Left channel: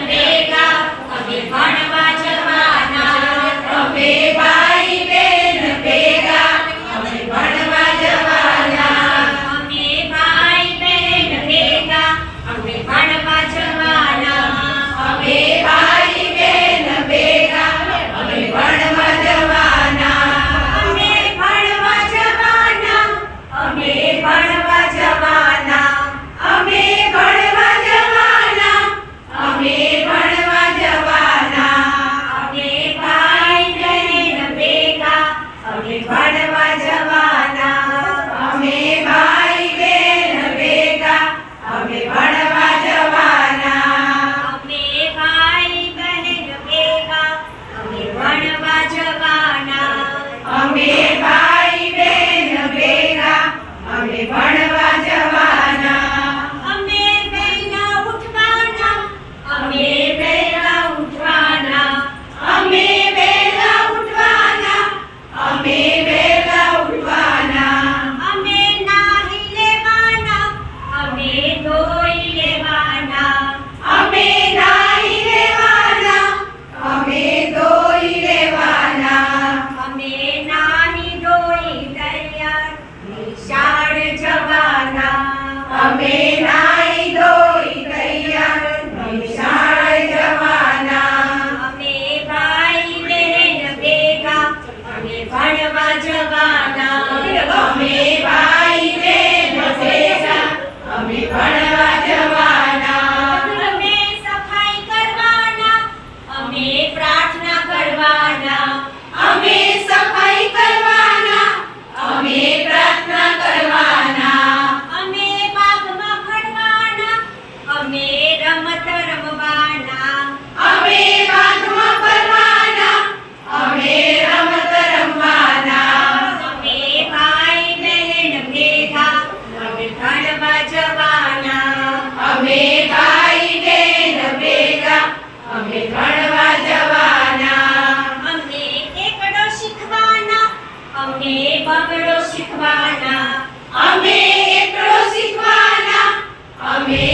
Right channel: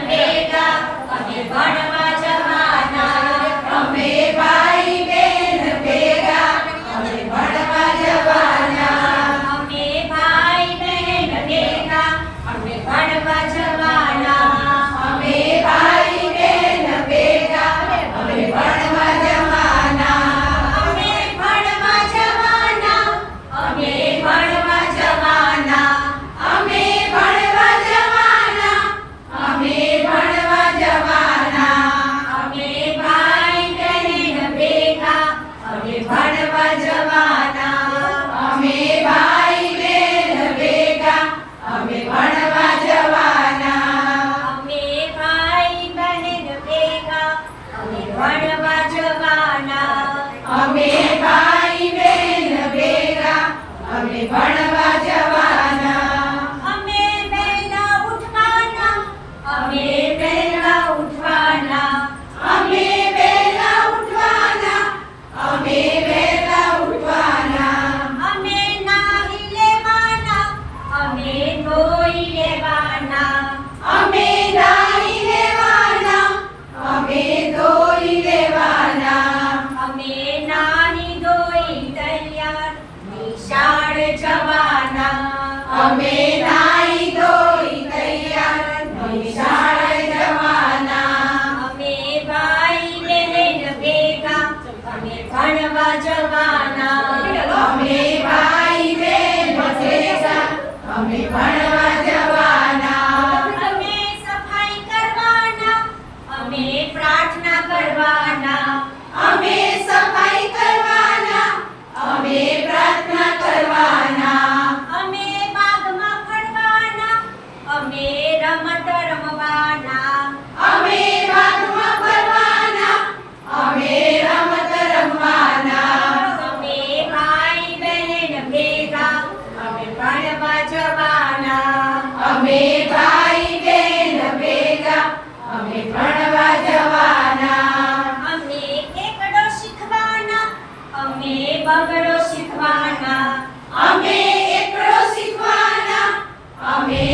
ಬೇಗ ಅವೆ ಮಾಡುವ અમે ભાઈ બેન બેરા અમે ભણવા જવાના. અમે પહેલા ઉઠવાના અમે પહેલા ઉઠવાના. અમે પહેલા ઉઠવાના અમે 这样吧。સવાના અમે ભાઈ અમે બગડો શીખવાના. અમે એકડો શીખવાના અમે